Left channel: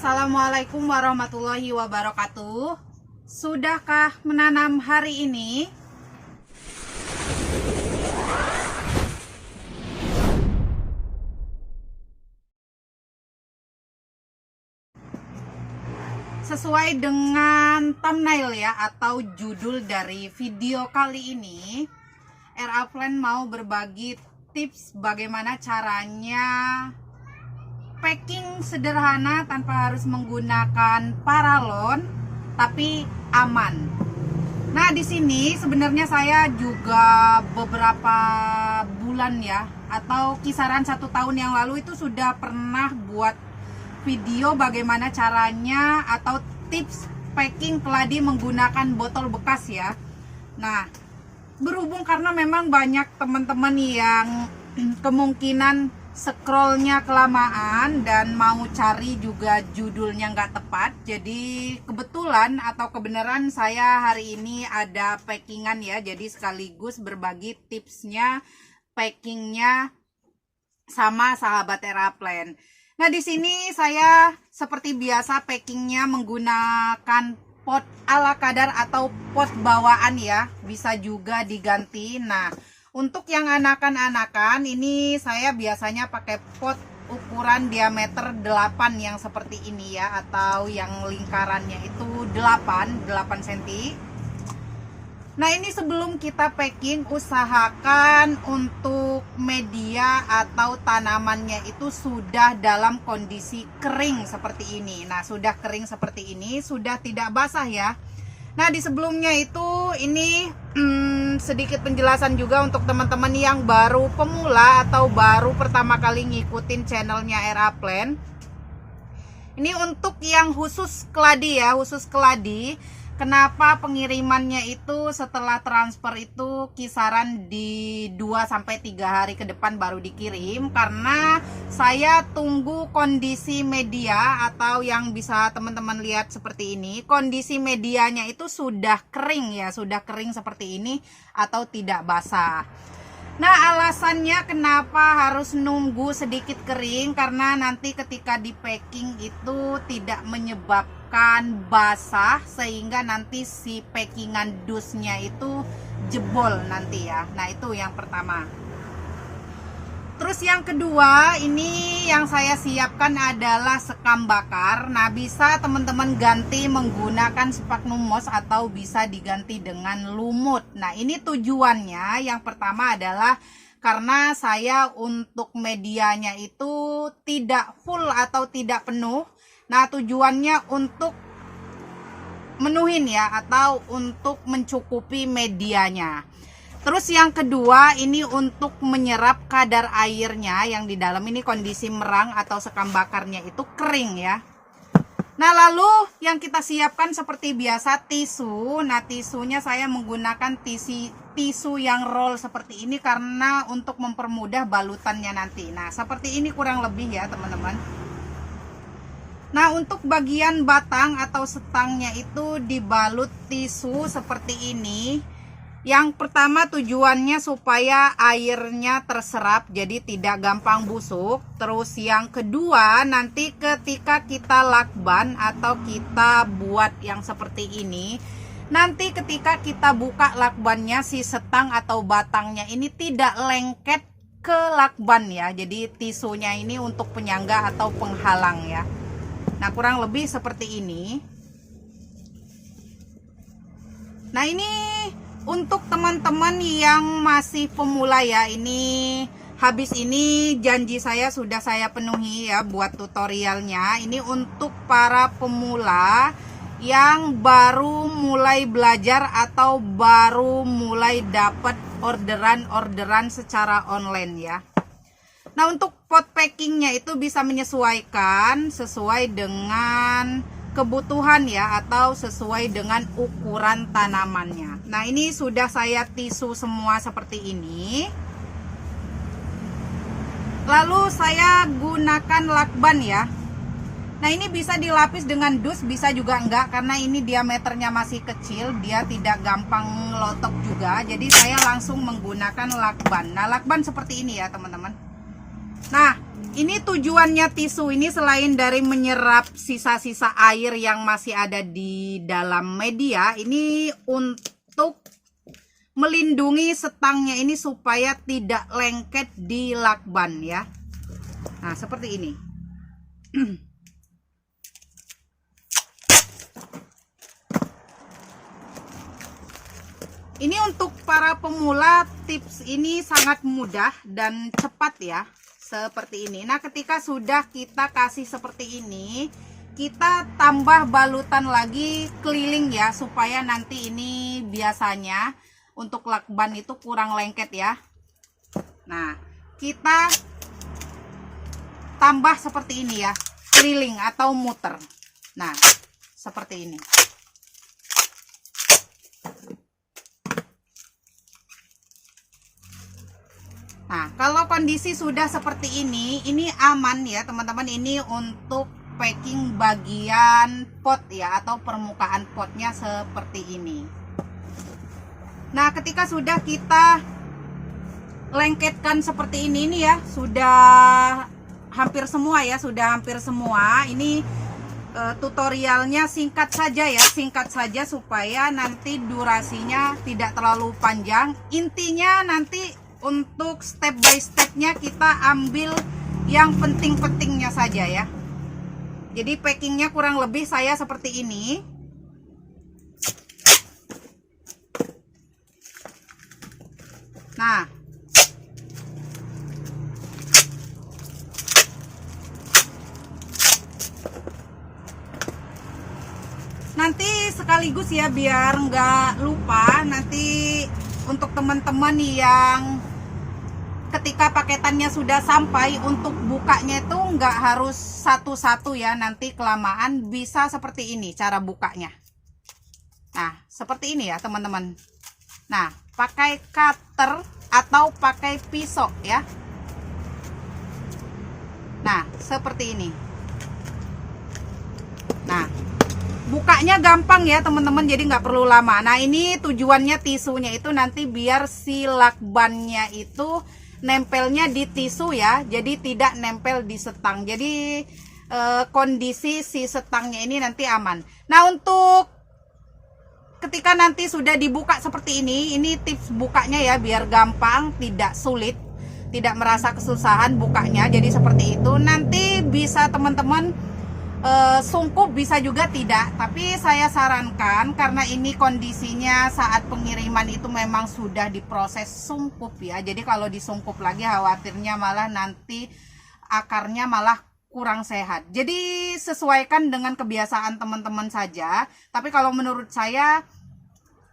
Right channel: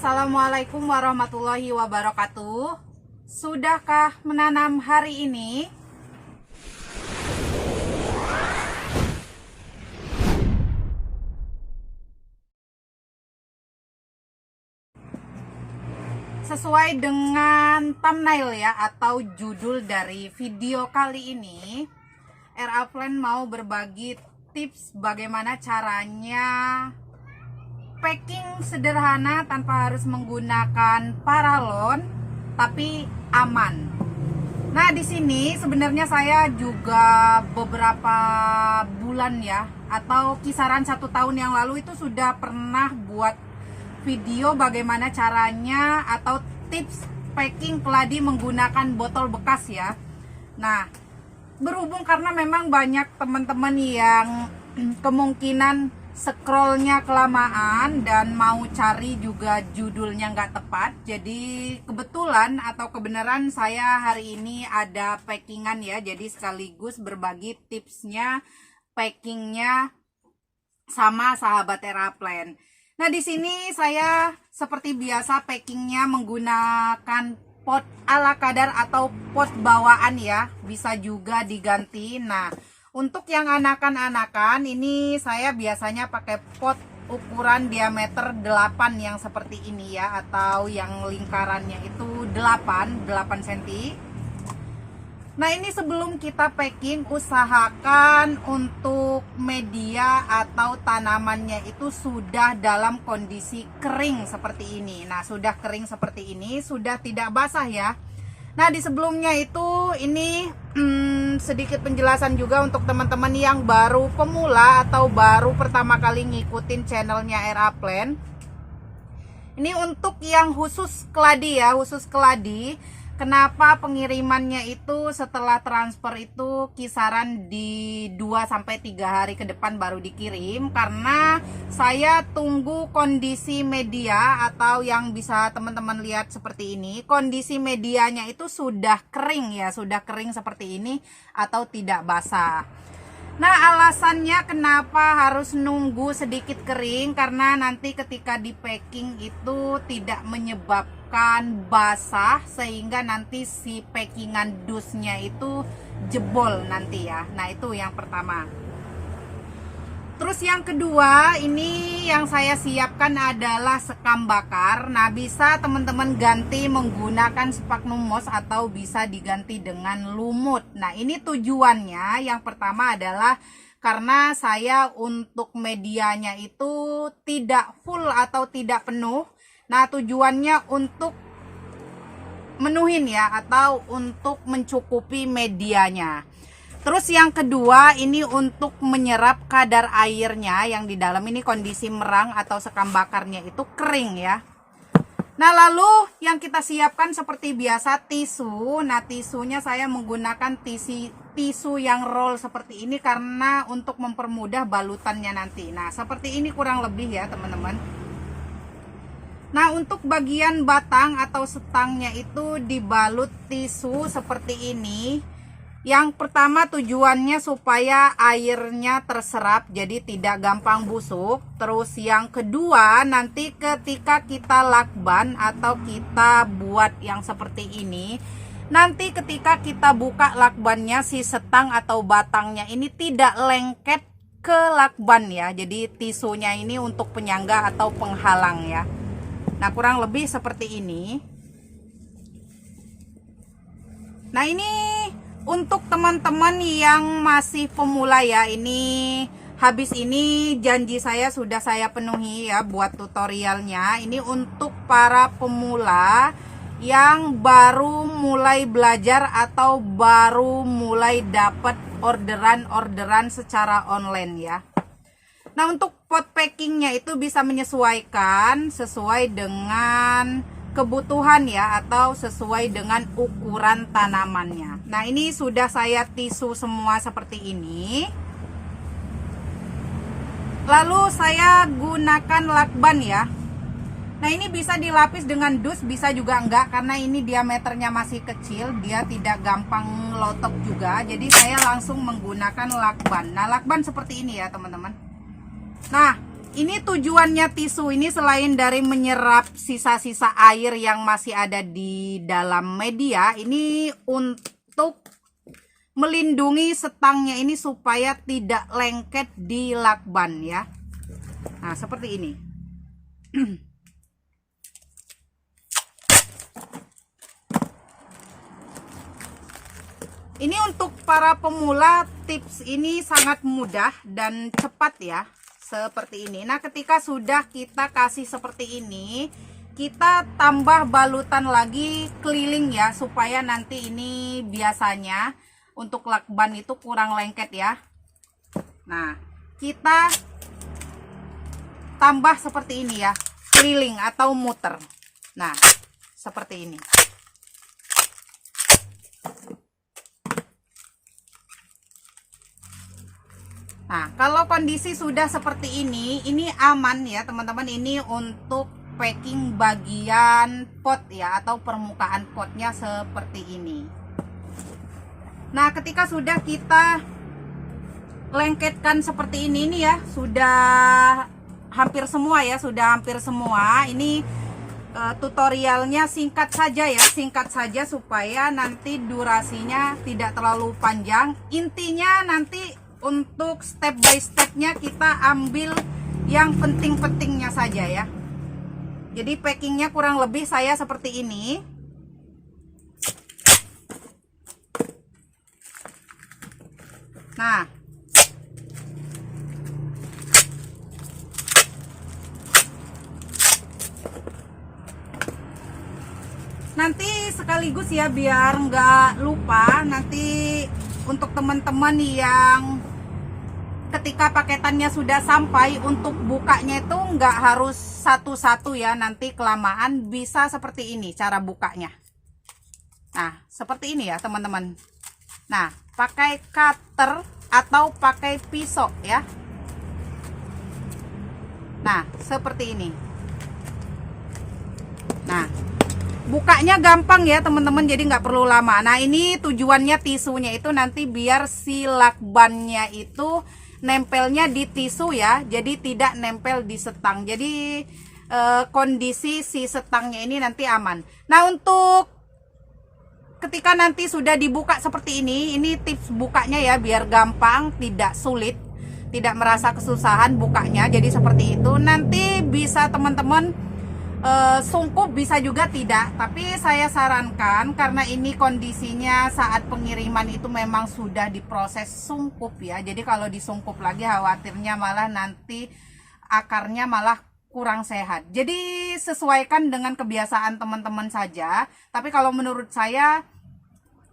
Assalamualaikum warahmatullahi wabarakatuh. Sudahkah menanam hari ini? Sesuai dengan thumbnail ya atau judul dari video kali ini, RA Plan mau berbagi tips bagaimana caranya packing sederhana tanpa harus menggunakan paralon tapi aman. Nah, di sini sebenarnya saya juga beberapa bulan ya atau kisaran 1 tahun yang lalu itu sudah pernah buat video bagaimana caranya atau tips packing keladi menggunakan botol bekas ya. Nah, berhubung karena memang banyak teman-teman yang kemungkinan scrollnya kelamaan dan mau cari juga judulnya nggak tepat, jadi kebetulan atau kebenaran saya hari ini ada packingan ya, jadi sekaligus berbagi tipsnya packingnya sama sahabat RA Plan. Nah, di sini saya seperti biasa packingnya menggunakan pot ala kadar atau pot bawaan ya, bisa juga diganti. Nah, untuk yang anakan-anakan ini saya biasanya pakai pot ukuran diameter 8 yang seperti ini ya, atau yang lingkarannya itu 8 cm. Nah, ini sebelum kita packing usahakan untuk media atau tanamannya itu sudah dalam kondisi kering seperti ini. Nah, sudah kering seperti ini, sudah tidak basah ya. Nah, di sebelumnya itu ini sedikit penjelasan juga untuk teman-teman yang baru pemula atau baru pertama kali ngikutin channelnya RA Plan. Ini untuk yang khusus keladi ya, khusus keladi. Kenapa pengirimannya itu setelah transfer itu kisaran di 2-3 hari ke depan baru dikirim? Karena saya tunggu kondisi media atau yang bisa teman-teman lihat seperti ini. Kondisi medianya itu sudah kering ya, sudah kering seperti ini atau tidak basah. Nah, alasannya kenapa harus nunggu sedikit kering, karena nanti ketika di packing itu tidak menyebabkan basah sehingga nanti si packingan dusnya itu jebol nanti ya. Nah, itu yang pertama. Terus yang kedua, ini yang saya siapkan adalah sekam bakar. Nah, bisa teman-teman ganti menggunakan sphagnum moss atau bisa diganti dengan lumut. Nah, ini tujuannya yang pertama adalah karena saya untuk medianya itu tidak full atau tidak penuh. Nah, tujuannya untuk menuhin ya atau untuk mencukupi medianya. Terus yang kedua, ini untuk menyerap kadar airnya yang di dalam ini kondisi merang atau sekam bakarnya itu kering ya. Nah, lalu yang kita siapkan seperti biasa tisu. Nah, tisunya saya menggunakan tisu yang roll seperti ini karena untuk mempermudah balutannya nanti. Nah, seperti ini kurang lebih ya teman-teman. Nah, untuk bagian batang atau setangnya itu dibalut tisu seperti ini. Yang pertama tujuannya supaya airnya terserap jadi tidak gampang busuk. Terus yang kedua, nanti ketika kita lakban atau kita buat yang seperti ini, nanti ketika kita buka lakbannya si setang atau batangnya ini tidak lengket ke lakban ya. Jadi tisunya ini untuk penyangga atau penghalang ya. Nah, kurang lebih seperti ini. Nah, ini untuk teman-teman yang masih pemula ya, ini habis ini janji saya sudah saya penuhi ya buat tutorialnya. Ini untuk para pemula yang baru mulai belajar atau baru mulai dapat orderan secara online ya. Nah, untuk pot packingnya itu bisa menyesuaikan sesuai dengan kebutuhan ya atau sesuai dengan ukuran tanamannya. Nah, ini sudah saya tisu semua seperti ini. Lalu saya gunakan lakban ya. Nah, ini bisa dilapis dengan dus, bisa juga enggak karena ini diameternya masih kecil, dia tidak gampang lotok juga. Jadi saya langsung menggunakan lakban. Nah, lakban seperti ini ya teman-teman. Nah, Ini tujuannya tisu ini selain dari menyerap sisa-sisa air yang masih ada di dalam media, ini untuk melindungi setangnya ini supaya tidak lengket di lakban ya. Nah, seperti ini. Ini untuk para pemula, tips ini sangat mudah dan cepat ya. Seperti ini. Nah, ketika sudah kita kasih seperti ini, kita tambah balutan lagi keliling ya, supaya nanti ini biasanya untuk lakban itu kurang lengket ya. Nah, kita tambah seperti ini ya, keliling atau muter. Nah, seperti ini. Nah, kalau kondisi sudah seperti ini aman ya teman-teman. Ini untuk packing bagian pot ya, atau permukaan potnya seperti ini. Nah, ketika sudah kita lengketkan seperti ini ya, sudah hampir semua ya, sudah hampir semua. Ini tutorialnya singkat saja ya, singkat saja supaya nanti durasinya tidak terlalu panjang. Intinya nanti untuk step by stepnya kita ambil yang penting-pentingnya saja ya. Jadi packingnya kurang lebih saya seperti ini. Nah, nanti sekaligus ya, biar nggak lupa, nanti untuk teman-teman yang ketika paketannya sudah sampai, untuk bukanya itu nggak harus satu-satu ya, nanti kelamaan. Bisa seperti ini cara bukanya. Nah, seperti ini ya teman-teman. Nah, pakai cutter atau pakai pisau ya. Nah, seperti ini. Nah, bukanya gampang ya teman-teman, jadi nggak perlu lama. Nah, ini tujuannya tisunya itu nanti biar si lakbannya itu nempelnya di tisu ya, jadi tidak nempel di setang. Jadi kondisi si setangnya ini nanti aman. Nah, untuk ketika nanti sudah dibuka seperti ini tips bukanya ya, biar gampang, tidak sulit, tidak merasa kesusahan bukanya. Jadi seperti itu. Nanti bisa teman-teman sungkup, bisa juga tidak, tapi saya sarankan karena ini kondisinya saat pengiriman itu memang sudah diproses sungkup ya. Jadi kalau disungkup lagi khawatirnya malah nanti akarnya malah kurang sehat. Jadi sesuaikan dengan kebiasaan teman-teman saja. Tapi kalau menurut saya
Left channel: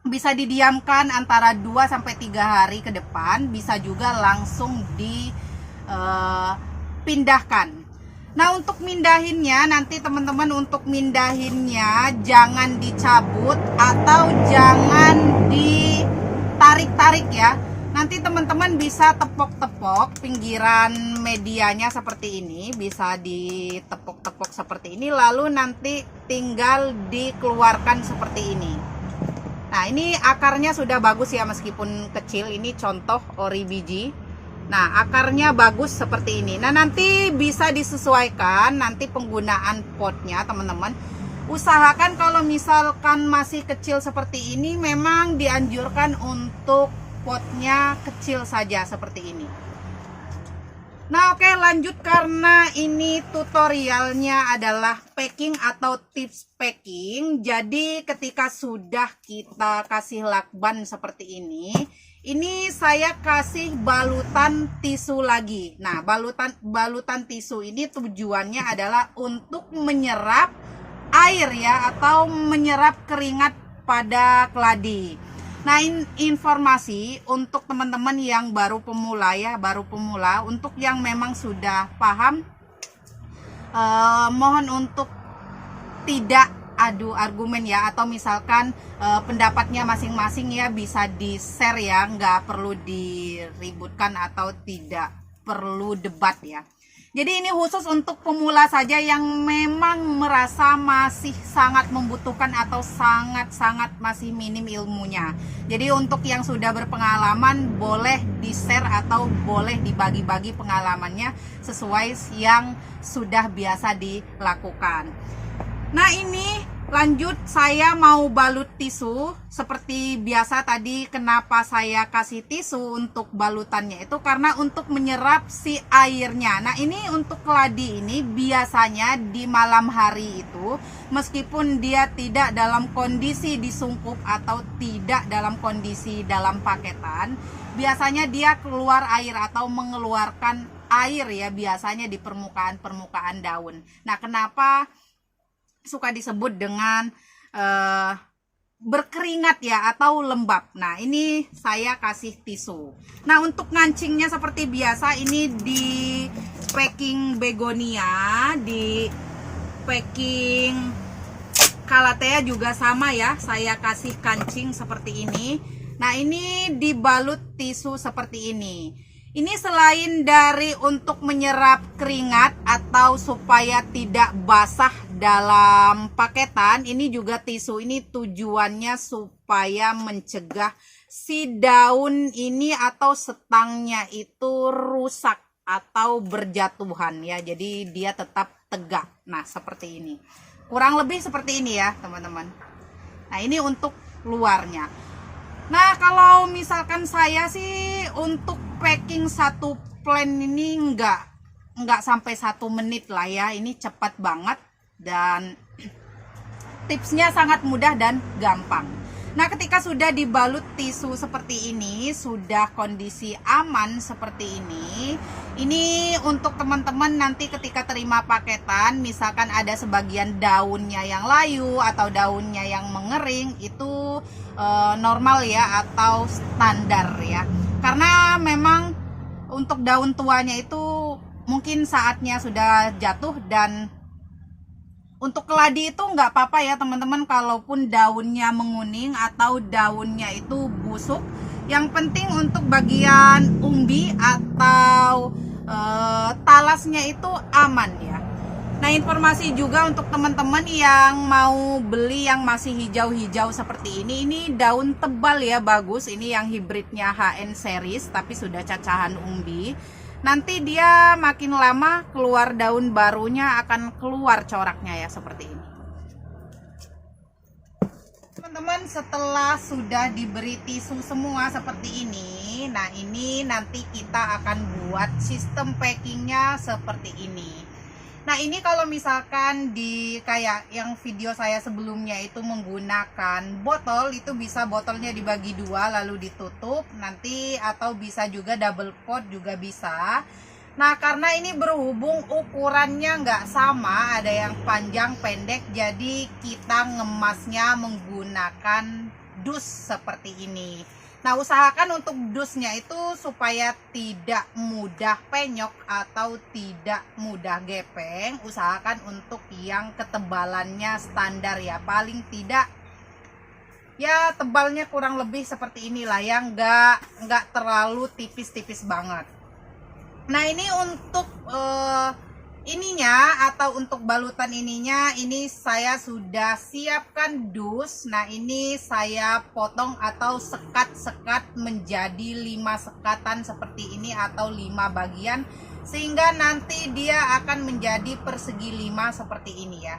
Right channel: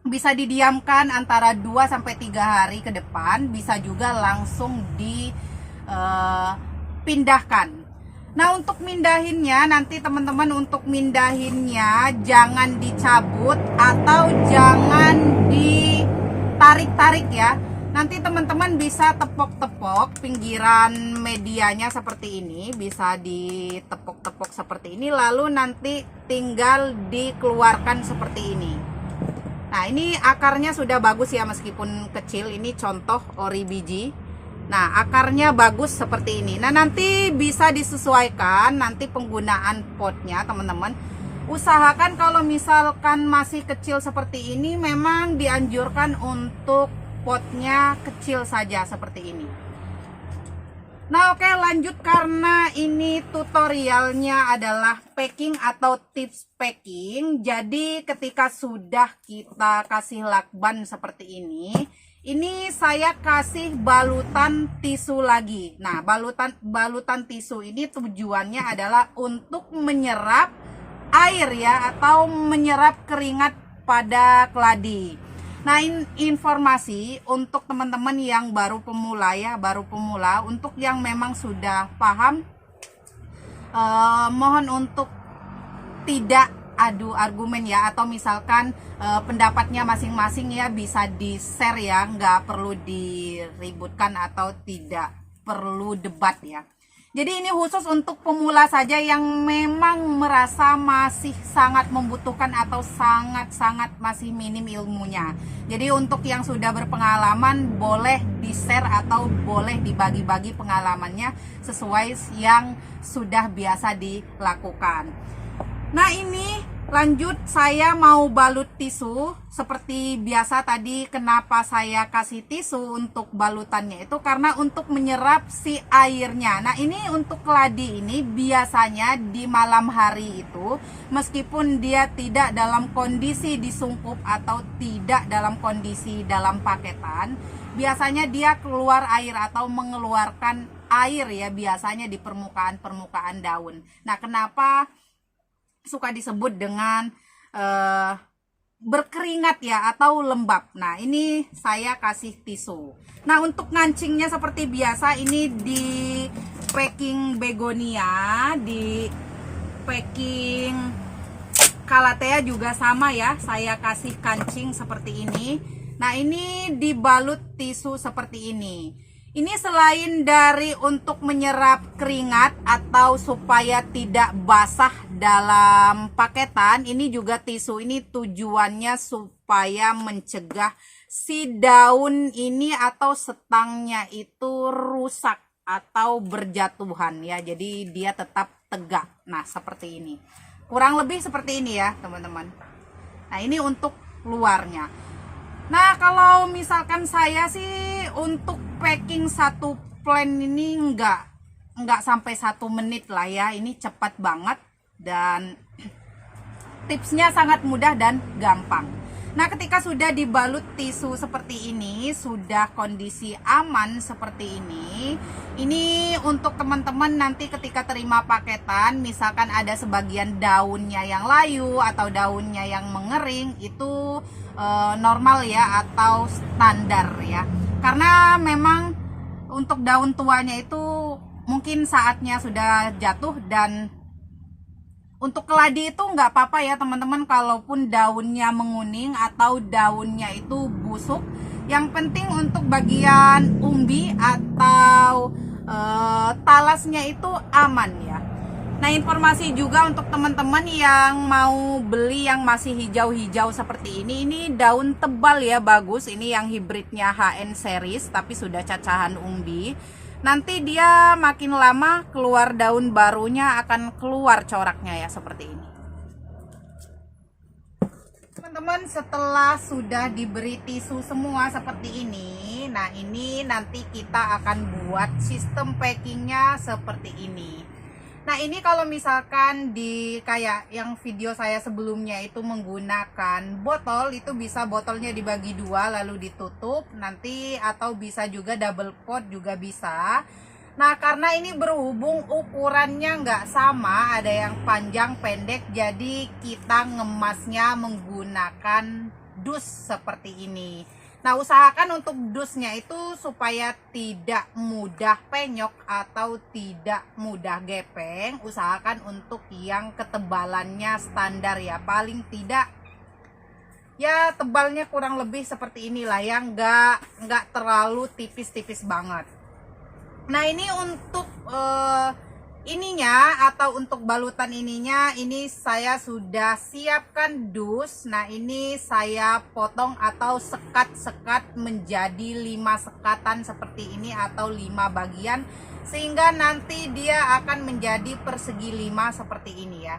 bisa didiamkan antara 2-3 hari ke depan, bisa juga langsung dipindahkan. Nah, untuk mindahinnya nanti teman-teman, untuk mindahinnya jangan dicabut atau jangan ditarik-tarik ya. Nanti teman-teman bisa tepok-tepok pinggiran medianya seperti ini, bisa ditepok-tepok seperti ini, lalu nanti tinggal dikeluarkan seperti ini. Nah, ini akarnya sudah bagus ya, meskipun kecil. Ini contoh ori biji. Nah, akarnya bagus seperti ini. Nah, nanti bisa disesuaikan nanti penggunaan potnya teman-teman. Usahakan kalau misalkan masih kecil seperti ini, memang dianjurkan untuk potnya kecil saja seperti ini. Nah, oke, lanjut, karena ini tutorialnya adalah packing atau tips packing. Jadi ketika sudah kita kasih lakban seperti ini saya kasih balutan tisu lagi. Nah, balutan tisu ini tujuannya adalah untuk menyerap air ya, atau menyerap keringat pada keladi. Nah, informasi untuk teman-teman yang baru pemula ya, untuk yang memang sudah paham, mohon untuk tidak adu argumen ya, atau misalkan pendapatnya masing-masing ya bisa di-share ya, nggak perlu diributkan atau tidak perlu debat ya. Jadi ini khusus untuk pemula saja yang memang merasa masih sangat membutuhkan atau sangat-sangat masih minim ilmunya. Jadi untuk yang sudah berpengalaman boleh di-share atau boleh dibagi-bagi pengalamannya sesuai yang sudah biasa dilakukan. Nah ini lanjut, saya mau balut tisu. Seperti biasa tadi, kenapa saya kasih tisu untuk balutannya itu karena untuk menyerap si airnya. Nah ini untuk keladi ini biasanya di malam hari itu, meskipun dia tidak dalam kondisi disungkup atau tidak dalam kondisi dalam paketan, biasanya dia keluar air atau mengeluarkan air ya, biasanya di permukaan daun. Nah kenapa suka disebut dengan berkeringat ya atau lembab. Nah ini saya kasih tisu. Nah untuk ngancingnya seperti biasa, ini di packing begonia, di packing calathea juga sama ya, saya kasih kancing seperti ini. Nah ini dibalut tisu seperti ini. Ini selain dari untuk menyerap keringat atau supaya tidak basah dalam paketan, ini juga tisu ini tujuannya supaya mencegah si daun ini atau setangnya itu rusak atau berjatuhan ya. Jadi dia tetap tegak. Nah seperti ini. Kurang lebih seperti ini ya teman-teman. Nah ini untuk luarnya. Nah kalau misalkan saya sih untuk packing satu plan ini nggak sampai 1 menit lah ya, ini cepat banget dan tipsnya sangat mudah dan gampang. Nah ketika sudah dibalut tisu seperti ini, sudah kondisi aman seperti ini untuk teman-teman nanti ketika terima paketan, misalkan ada sebagian daunnya yang layu atau daunnya yang mengering, itu normal ya atau standar ya, karena memang untuk daun tuanya itu mungkin saatnya sudah jatuh. Dan untuk keladi itu nggak apa-apa ya teman-teman, kalaupun daunnya menguning atau daunnya itu busuk, yang penting untuk bagian umbi atau talasnya itu aman ya. Nah informasi juga untuk teman-teman yang mau beli yang masih hijau-hijau seperti ini daun tebal ya, bagus. Ini yang hibridnya HN series tapi sudah cacahan umbi. Nanti dia makin lama keluar daun barunya akan keluar coraknya ya seperti ini. Teman-teman setelah sudah diberi tisu semua seperti ini, nah ini nanti kita akan buat sistem packingnya seperti ini. Nah ini kalau misalkan di kayak yang video saya sebelumnya itu menggunakan botol, itu bisa botolnya dibagi 2 lalu ditutup nanti, atau bisa juga double pot juga bisa. Nah karena ini berhubung ukurannya nggak sama, ada yang panjang pendek, jadi kita ngemasnya menggunakan dus seperti ini. Nah usahakan untuk dusnya itu supaya tidak mudah penyok atau tidak mudah gepeng. Usahakan untuk yang ketebalannya standar ya, paling tidak ya tebalnya kurang lebih seperti inilah, yang nggak terlalu tipis-tipis banget. Nah ini untuk ininya atau untuk balutan ininya, ini saya sudah siapkan dus. Nah ini saya potong atau sekat-sekat menjadi 5 sekatan seperti ini atau 5 bagian, sehingga nanti dia akan menjadi persegi 5 seperti ini ya.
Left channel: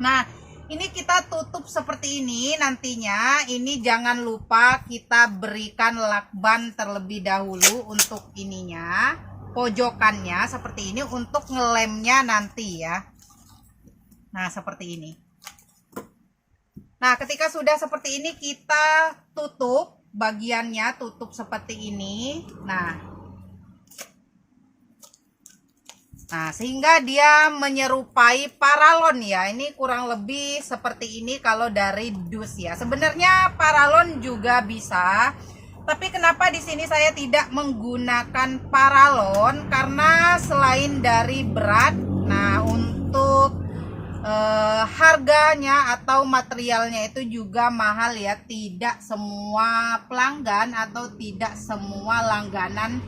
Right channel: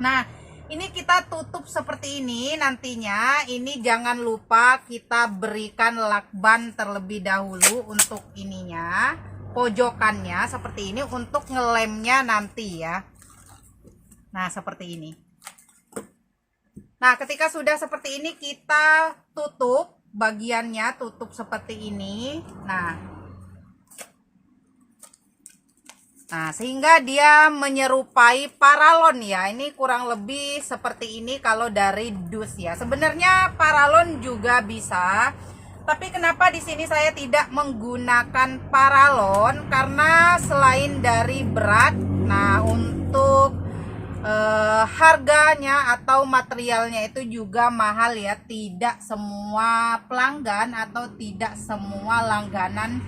Nah ini kita tutup seperti ini nantinya. Ini jangan lupa kita berikan lakban terlebih dahulu untuk ininya, pojokannya seperti ini untuk ngelemnya nanti ya. Nah seperti ini. Nah ketika sudah seperti ini kita tutup bagiannya, tutup seperti ini. Nah sehingga dia menyerupai paralon ya. Ini kurang lebih seperti ini kalau dari dus ya. Sebenarnya paralon juga bisa, tapi kenapa di sini saya tidak menggunakan paralon? Karena selain dari berat, nah untuk harganya atau materialnya itu juga mahal ya. Tidak semua pelanggan atau tidak semua langganan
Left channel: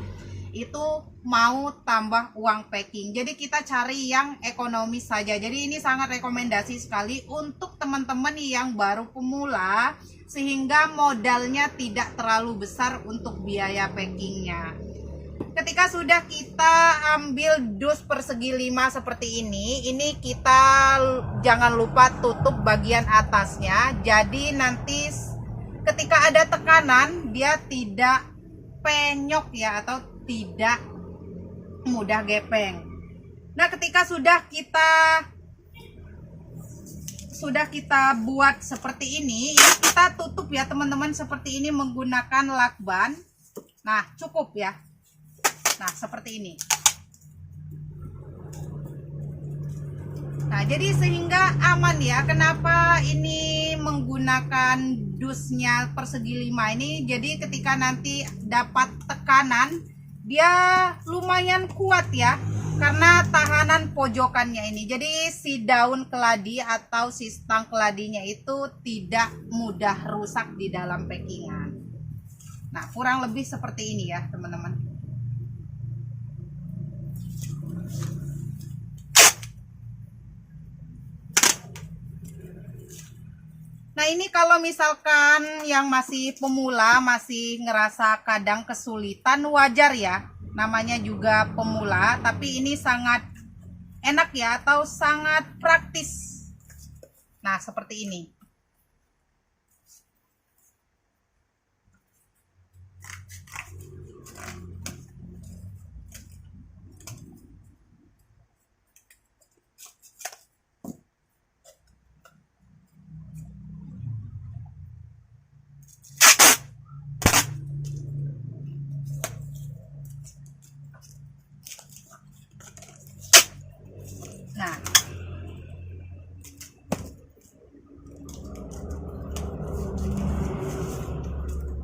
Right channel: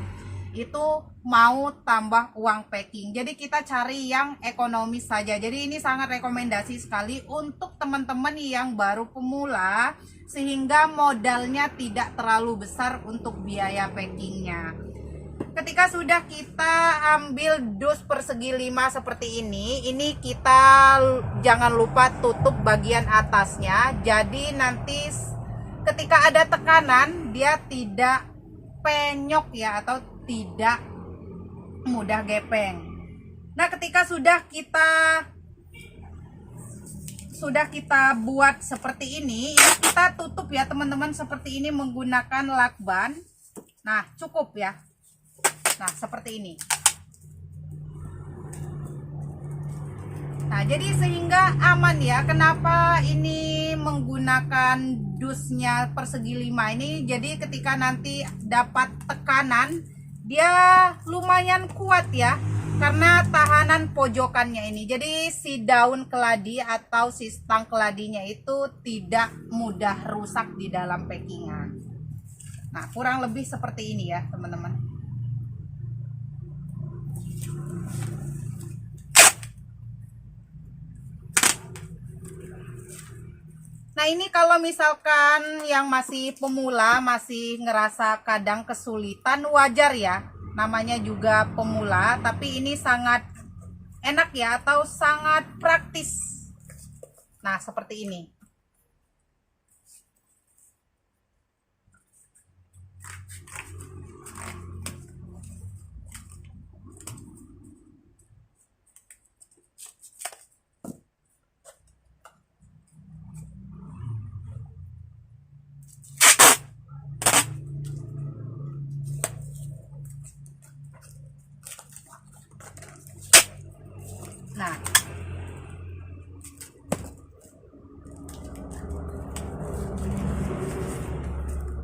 itu mau tambah uang packing. Jadi kita cari yang ekonomis saja. Jadi ini sangat rekomendasi sekali untuk teman-teman yang baru pemula, sehingga modalnya tidak terlalu besar untuk biaya packingnya. Ketika sudah kita ambil dus persegi 5 seperti ini kita jangan lupa tutup bagian atasnya. Jadi nanti ketika ada tekanan dia tidak penyok ya, atau tidak mudah gepeng. Nah, ketika sudah kita buat seperti ini kita tutup ya teman-teman, seperti ini menggunakan lakban. Nah, cukup ya. Nah, seperti ini. Nah, jadi sehingga aman ya. Kenapa ini menggunakan dusnya persegi 5 ini? Jadi ketika nanti dapat tekanan, dia lumayan kuat ya. Karena tahanan pojokannya ini. Jadi si daun keladi atau si stang keladinya itu tidak mudah rusak di dalam packingan. Nah, kurang lebih seperti ini ya, teman-teman. Nah, ini kalau misalkan yang masih pemula, masih ngerasa kadang kesulitan, wajar ya. Namanya juga pemula, tapi ini sangat enak ya, atau sangat praktis. Nah, seperti ini.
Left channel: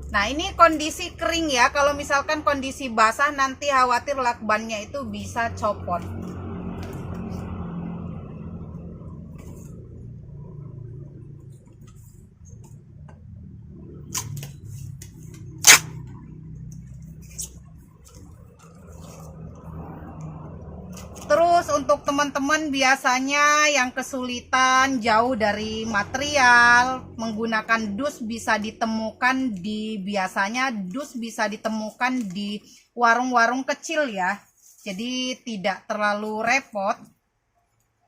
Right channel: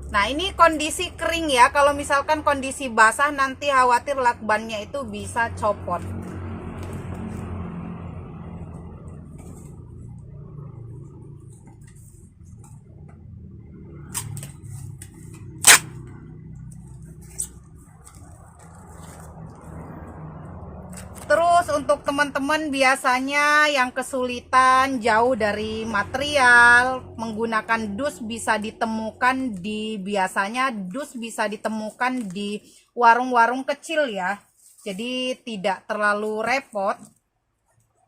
Nah, ini kondisi kering ya. Kalau misalkan kondisi basah nanti khawatir lakbannya itu bisa copot. Terus untuk teman-teman biasanya yang kesulitan jauh dari material, menggunakan dus bisa ditemukan biasanya dus bisa ditemukan di warung-warung kecil ya. Jadi tidak terlalu repot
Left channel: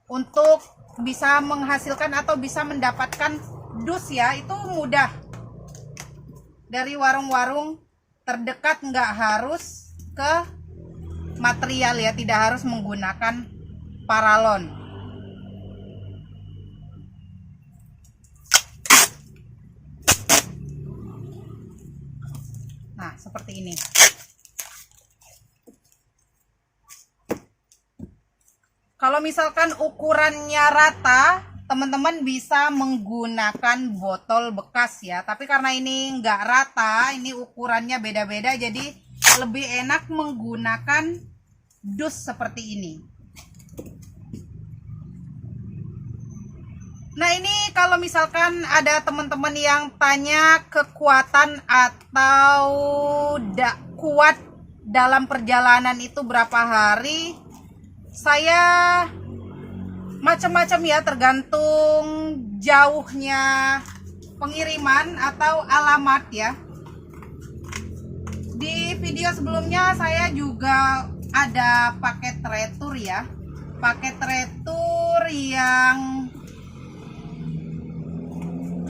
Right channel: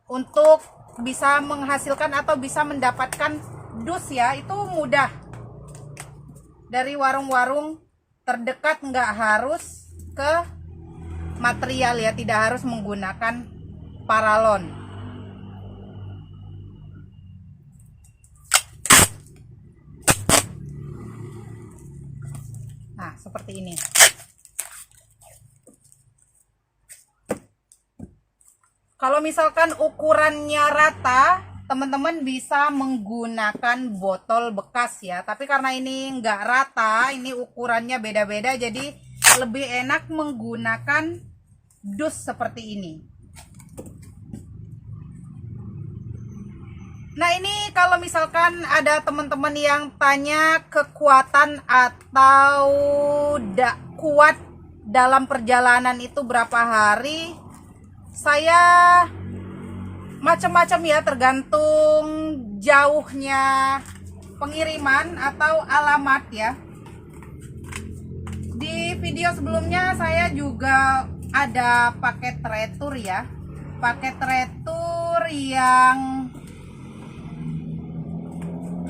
untuk bisa menghasilkan atau bisa mendapatkan dus ya, itu mudah. Dari warung-warung terdekat, nggak harus ke material ya, tidak harus menggunakan paralon. Nah, seperti ini. Kalau misalkan ukurannya rata, teman-teman bisa menggunakan botol bekas ya. Tapi karena ini nggak rata, ini ukurannya beda-beda, jadi lebih enak menggunakan dus seperti ini. Nah, ini kalau misalkan ada teman-teman yang tanya kekuatan atau kuat dalam perjalanan itu berapa hari, saya macam-macam ya, tergantung jauhnya pengiriman atau alamat ya. Di video sebelumnya saya juga ada paket retur ya, paket retur yang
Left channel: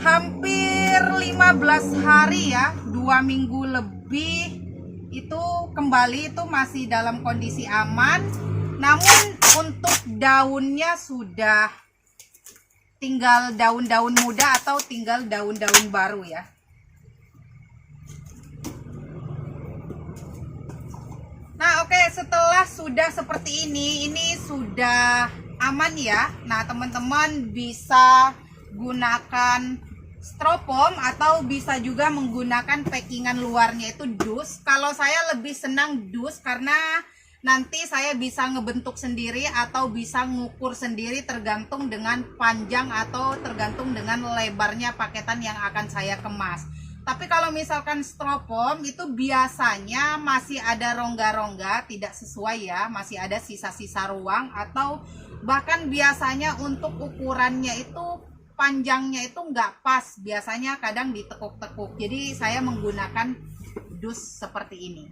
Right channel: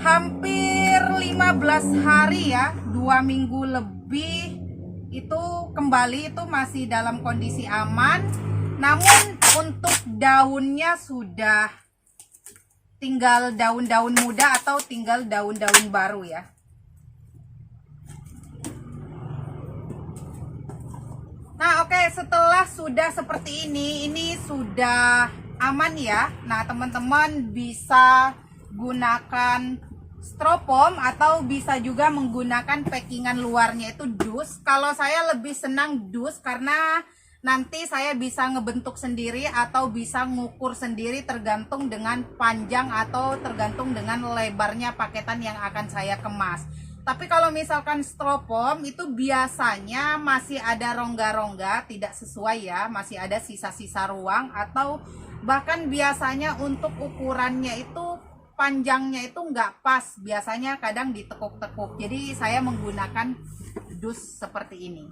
hampir 15 hari ya, 2 minggu lebih, itu kembali itu masih dalam kondisi aman. Namun untuk daunnya sudah tinggal daun-daun muda atau tinggal daun-daun baru ya. Nah, oke, setelah sudah seperti ini sudah aman ya. Nah, teman-teman bisa gunakan stropom atau bisa juga menggunakan packingan luarnya itu dus. Kalau saya lebih senang dus karena nanti saya bisa ngebentuk sendiri atau bisa ngukur sendiri tergantung dengan panjang atau tergantung dengan lebarnya paketan yang akan saya kemas. Tapi kalau misalkan styrofoam itu biasanya masih ada rongga-rongga, tidak sesuai ya, masih ada sisa-sisa ruang, atau bahkan biasanya untuk ukurannya itu panjangnya itu nggak pas, biasanya kadang ditekuk-tekuk. Jadi saya menggunakan dus seperti ini.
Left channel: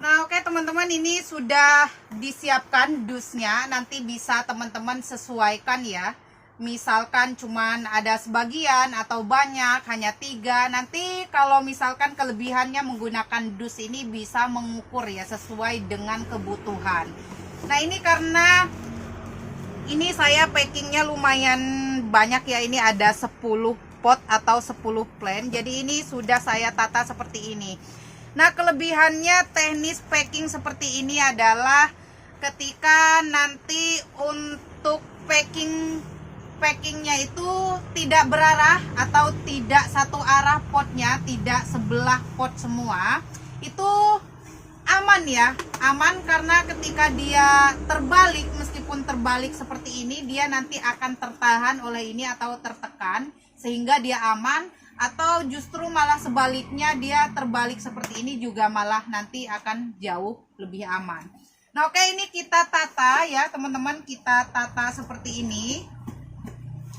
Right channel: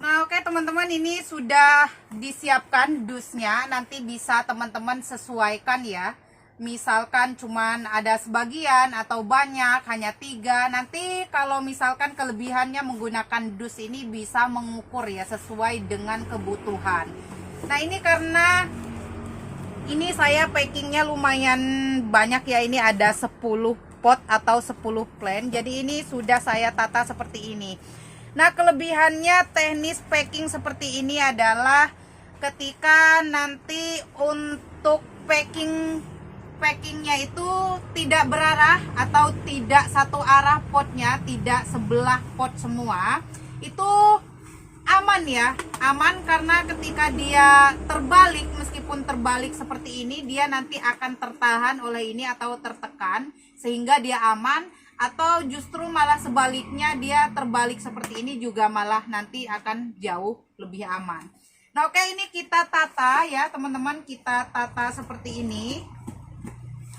Nah, oke teman-teman, ini sudah disiapkan dusnya. Nanti bisa teman-teman sesuaikan ya. Misalkan cuman ada sebagian atau banyak, hanya 3. Nanti kalau misalkan kelebihannya menggunakan dus ini bisa mengukur ya, sesuai dengan kebutuhan. Nah, ini karena ini saya packingnya lumayan banyak ya. Ini ada 10 pot atau 10 plant. Jadi ini sudah saya tata seperti ini. Nah, kelebihannya teknis packing seperti ini adalah ketika nanti untuk packingnya itu tidak berarah atau tidak satu arah potnya, tidak sebelah pot semua, itu aman ya, aman karena ketika dia terbalik, meskipun terbalik seperti ini, dia nanti akan tertahan oleh ini atau tertekan sehingga dia aman. Atau justru malah sebaliknya, dia terbalik seperti ini juga malah nanti akan jauh lebih aman. Nah, oke, ini kita tata ya teman-teman, kita tata seperti ini.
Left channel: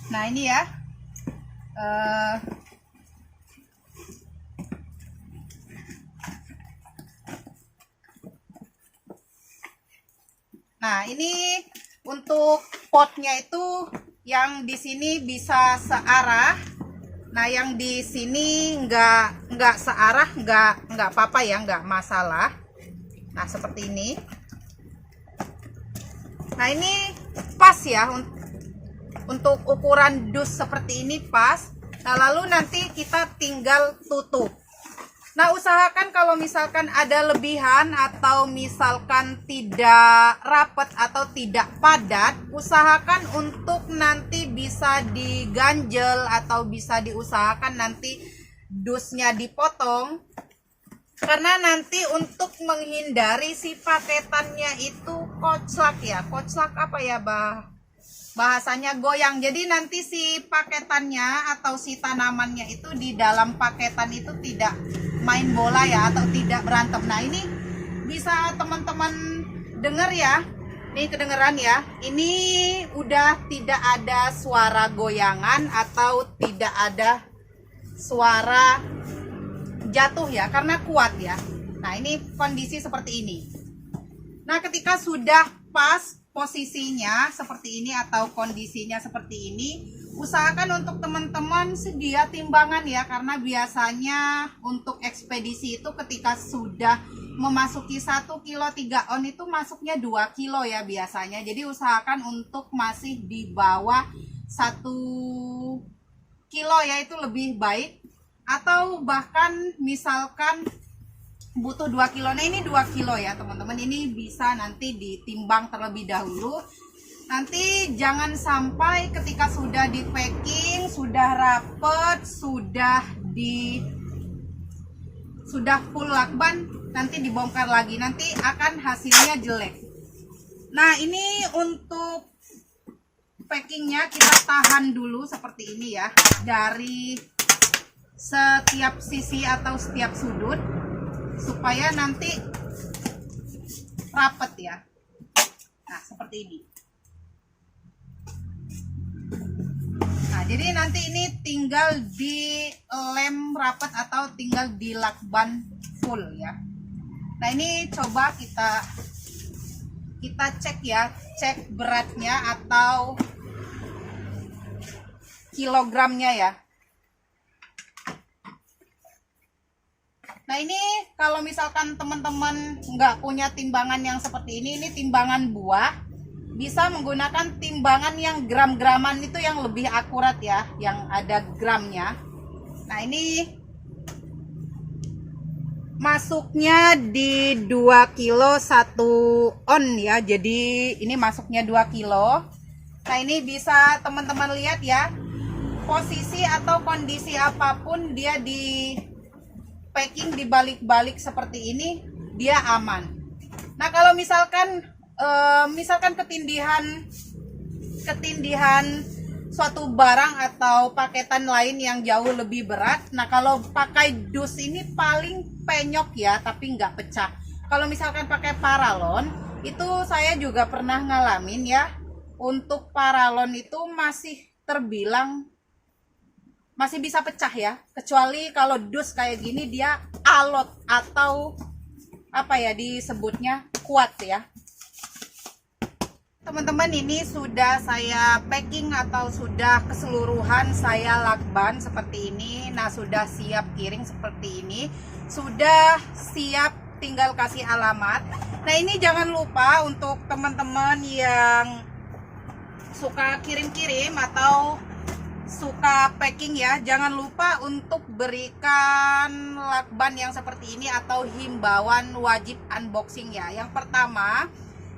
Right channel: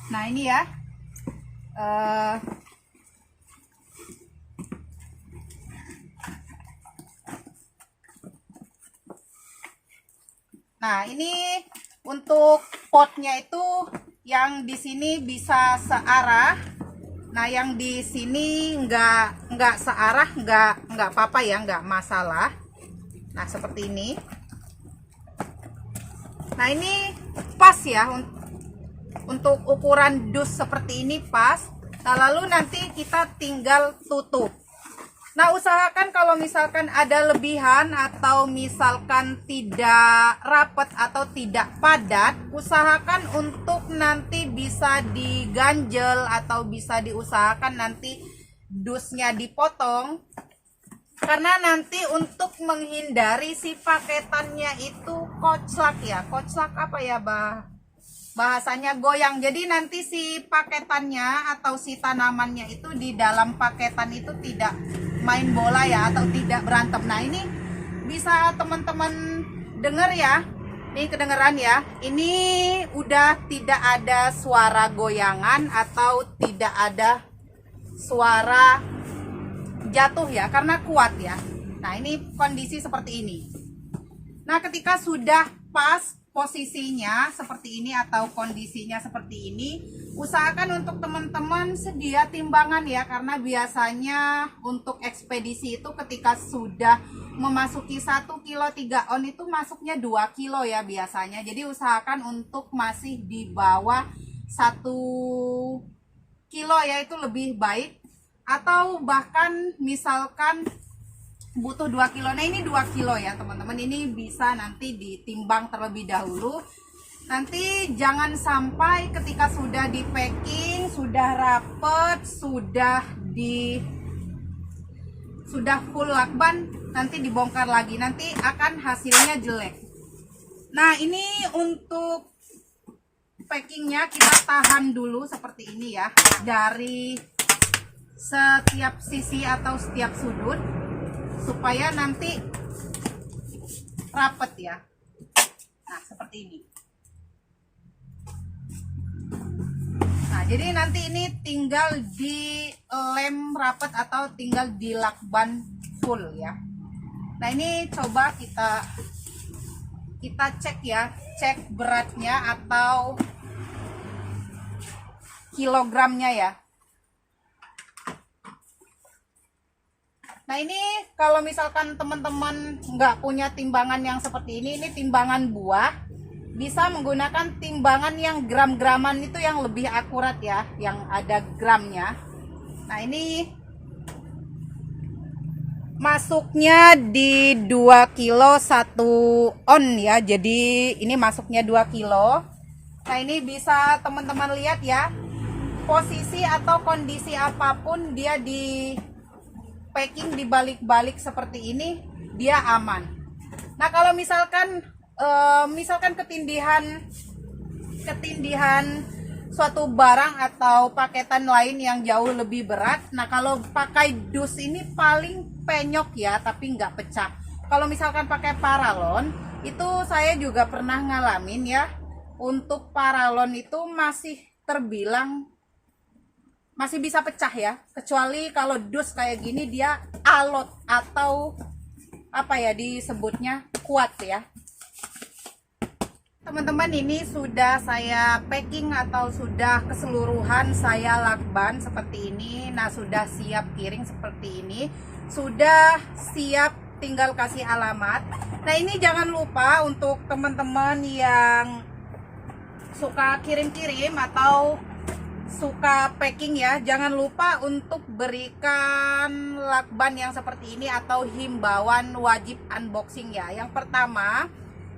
Nah, ini ya, nah ini untuk potnya itu yang di sini bisa searah. Nah, yang di sini nggak searah, nggak apa-apa ya, nggak masalah. Nah, seperti ini. Nah, ini pas ya untuk ukuran dus seperti ini pas. Nah, lalu nanti kita tinggal tutup. Nah, usahakan kalau misalkan ada lebihan atau misalkan tidak rapat atau tidak padat, usahakan untuk nanti bisa diganjel atau bisa diusahakan nanti dusnya dipotong. Karena nanti untuk menghindari si paketannya itu koclak ya. Koclak apa ya, bahasanya goyang. Jadi nanti si paketannya atau si tanamannya itu di dalam paketan itu tidak main bola ya, atau tidak berantem. Nah, ini bisa teman-teman dengar ya, ini kedengeran ya, ini udah tidak ada suara goyangan atau tidak ada suara jatuh ya, karena kuat ya. Nah, ini kondisi seperti ini. Nah, ketika sudah pas posisinya seperti ini atau kondisinya seperti ini, usahakan untuk teman-teman sedia timbangan ya, karena biasanya untuk ekspedisi itu ketika sudah memasuki 1 kilo 3 on itu masuknya 2 kilo ya biasanya. Jadi usahakan untuk masih di bawah 1 kilo ya, itu lebih baik. Atau bahkan misalkan butuh 2 kilo. Nah, ini 2 kilo ya teman-teman. Ini bisa nanti ditimbang terlebih dahulu. Nanti jangan sampai ketika sudah di packing, sudah rapet, sudah full lakban, nanti dibongkar lagi, nanti akan hasilnya jelek. Nah, ini untuk packingnya kita tahan dulu seperti ini ya, dari setiap sisi atau setiap sudut, supaya nanti rapet ya. Nah, seperti ini. Nah, jadi nanti ini tinggal di lem rapet atau tinggal di lakban full ya. Nah, ini coba kita cek ya, cek beratnya atau kilogramnya ya. Nah, ini kalau misalkan teman-teman nggak punya timbangan yang seperti ini timbangan buah, bisa menggunakan timbangan yang gram-graman, itu yang lebih akurat ya, yang ada gramnya. Nah, ini masuknya di 2 kilo 1 on ya, jadi ini masuknya 2 kilo. Nah, ini bisa teman-teman lihat ya, posisi atau kondisi apapun dia di packing dibalik-balik seperti ini, dia aman. Nah, kalau misalkan ketindihan suatu barang atau paketan lain yang jauh lebih berat. Nah, kalau pakai dus ini paling penyok ya, tapi nggak pecah. Kalau misalkan pakai paralon, itu saya juga pernah ngalamin ya. Untuk paralon itu masih terbilang masih bisa pecah ya. Kecuali kalau dus kayak gini dia alot atau apa ya disebutnya kuat ya. Teman-teman, ini sudah saya packing atau sudah keseluruhan saya lakban seperti ini. Nah, sudah siap kirim seperti ini. Sudah siap, tinggal kasih alamat. Nah, ini jangan lupa untuk teman-teman yang suka kirim-kirim atau suka packing ya, jangan lupa untuk berikan lakban yang seperti ini atau himbauan wajib unboxing ya. Yang pertama,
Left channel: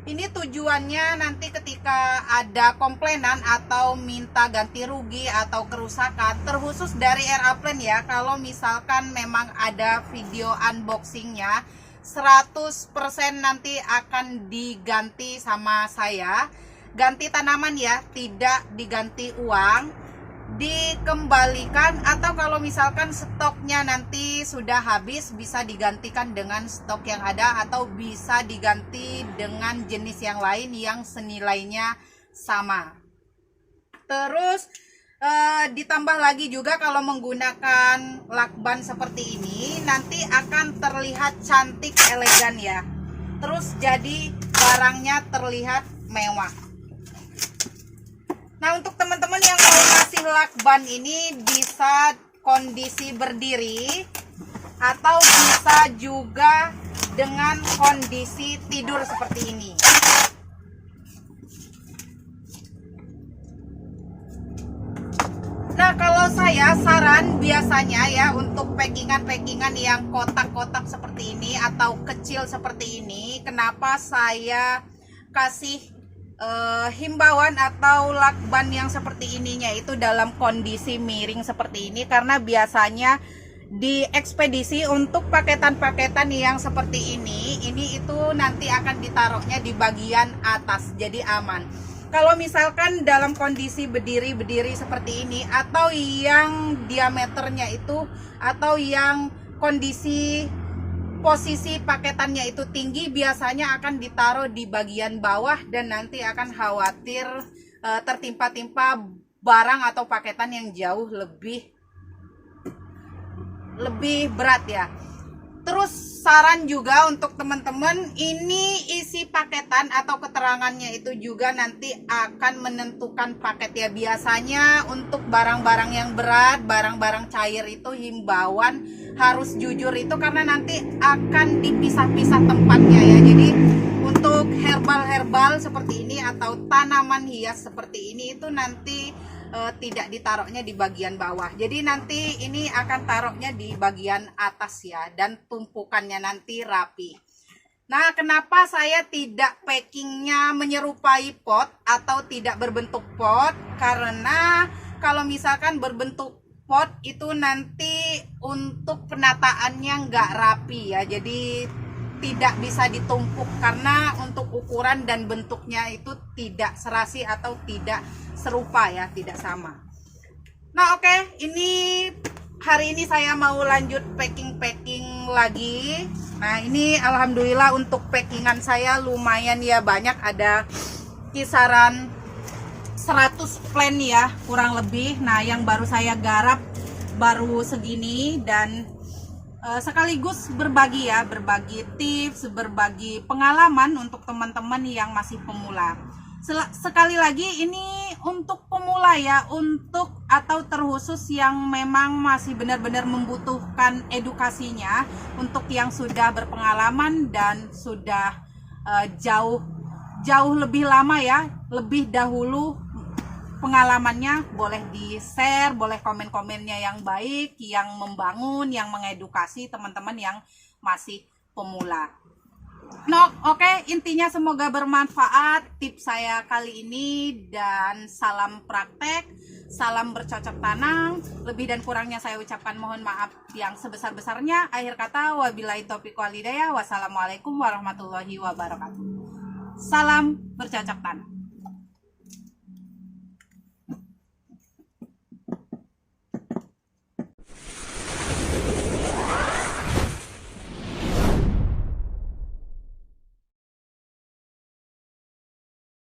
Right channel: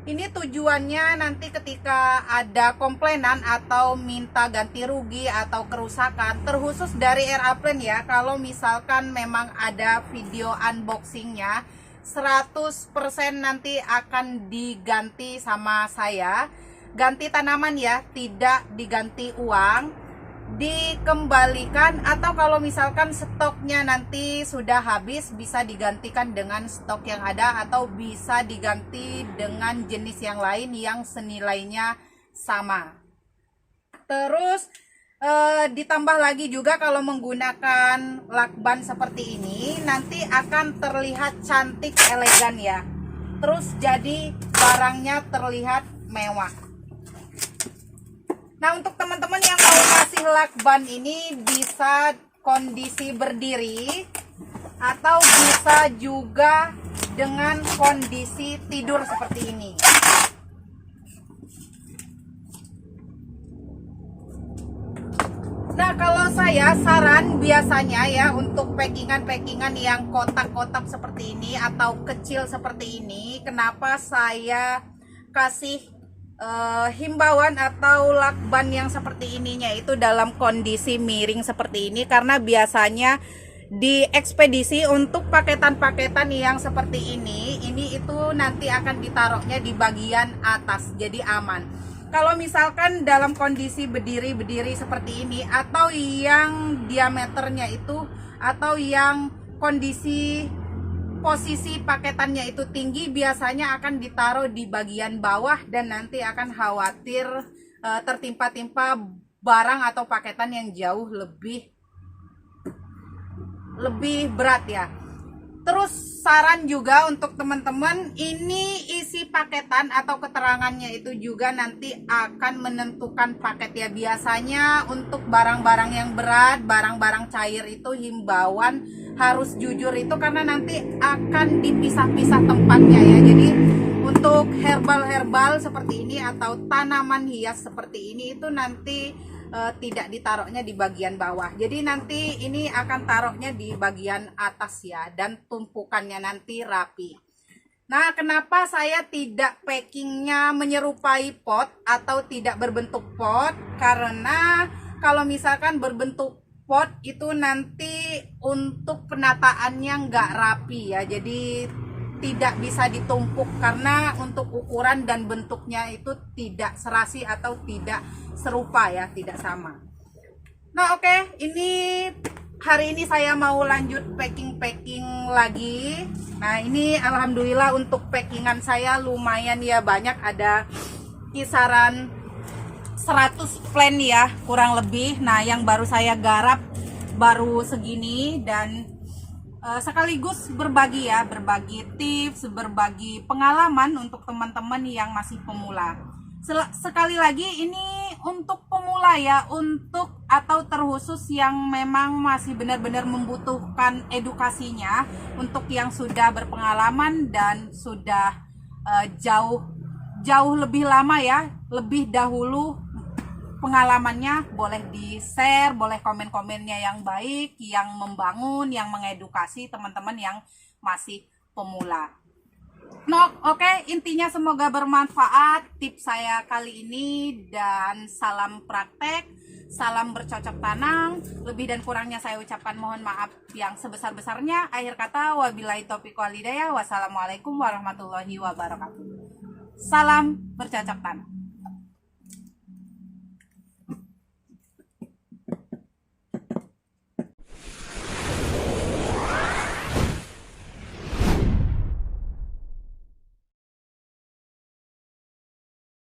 ini tujuannya nanti ketika ada komplainan atau minta ganti rugi atau kerusakan, terkhusus dari Aeroplane ya, kalau misalkan memang ada video unboxingnya, 100% nanti akan diganti sama saya. Ganti tanaman ya, tidak diganti uang, dikembalikan, atau kalau misalkan stoknya nanti sudah habis bisa digantikan dengan stok yang ada, atau bisa diganti dengan jenis yang lain yang senilainya sama. Terus ditambah lagi juga kalau menggunakan lakban seperti ini nanti akan terlihat cantik, elegan ya. Terus jadi barangnya terlihat mewah. Nah, untuk teman-teman yang mau ngasih lakban ini bisa kondisi berdiri atau bisa juga dengan kondisi tidur seperti ini. Nah, kalau saya saran biasanya ya untuk packingan-packingan yang kotak-kotak seperti ini atau kecil seperti ini, kenapa saya kasih himbauan atau lakban yang seperti ininya itu dalam kondisi miring seperti ini, karena biasanya di ekspedisi untuk paketan-paketan yang seperti ini itu nanti akan ditaruhnya di bagian atas, jadi aman. Kalau misalkan dalam kondisi berdiri seperti ini, atau yang diameternya itu, atau yang kondisi posisi paketannya itu tinggi, biasanya akan ditaruh di bagian bawah dan nanti akan khawatir tertimpa-timpa barang atau paketan yang jauh lebih berat ya. Terus saran juga untuk teman-teman, ini isi paketan atau keterangannya itu juga nanti akan menentukan paket ya. Biasanya untuk barang-barang yang berat, barang-barang cair itu himbauan harus jujur itu, karena nanti akan dipisah-pisah tempatnya ya. Jadi untuk herbal-herbal seperti ini atau tanaman hias seperti ini itu nanti tidak ditaruhnya di bagian bawah, jadi nanti ini akan taruhnya di bagian atas ya, dan tumpukannya nanti rapi. Nah, kenapa saya tidak packingnya menyerupai pot atau tidak berbentuk pot? Karena kalau misalkan berbentuk pot itu nanti untuk penataannya nggak rapi ya, jadi tidak bisa ditumpuk karena untuk ukuran dan bentuknya itu tidak serasi atau tidak serupa ya, tidak sama. Nah, oke, ini hari ini saya mau lanjut packing lagi. Nah, ini alhamdulillah untuk packingan saya lumayan ya, banyak, ada kisaran 100 plan ya kurang lebih. Nah, yang baru saya garap baru segini, dan sekaligus berbagi ya, berbagi tips, berbagi pengalaman untuk teman-teman yang masih pemula. Sekali lagi ini untuk pemula ya, untuk atau terkhusus yang memang masih benar-benar membutuhkan edukasinya. Untuk yang sudah berpengalaman dan sudah jauh lebih lama ya, lebih dahulu pengalamannya, boleh di-share, boleh komen-komennya yang baik, yang membangun, yang mengedukasi teman-teman yang masih pemula. Nah, oke, intinya semoga bermanfaat tips saya kali ini, dan salam praktek, salam bercocok tanam. Lebih dan kurangnya saya ucapkan mohon maaf yang sebesar-besarnya. Akhir kata, wabillahi taufiq wal hidayah. Wassalamualaikum warahmatullahi wabarakatuh. Salam bercocok tanam.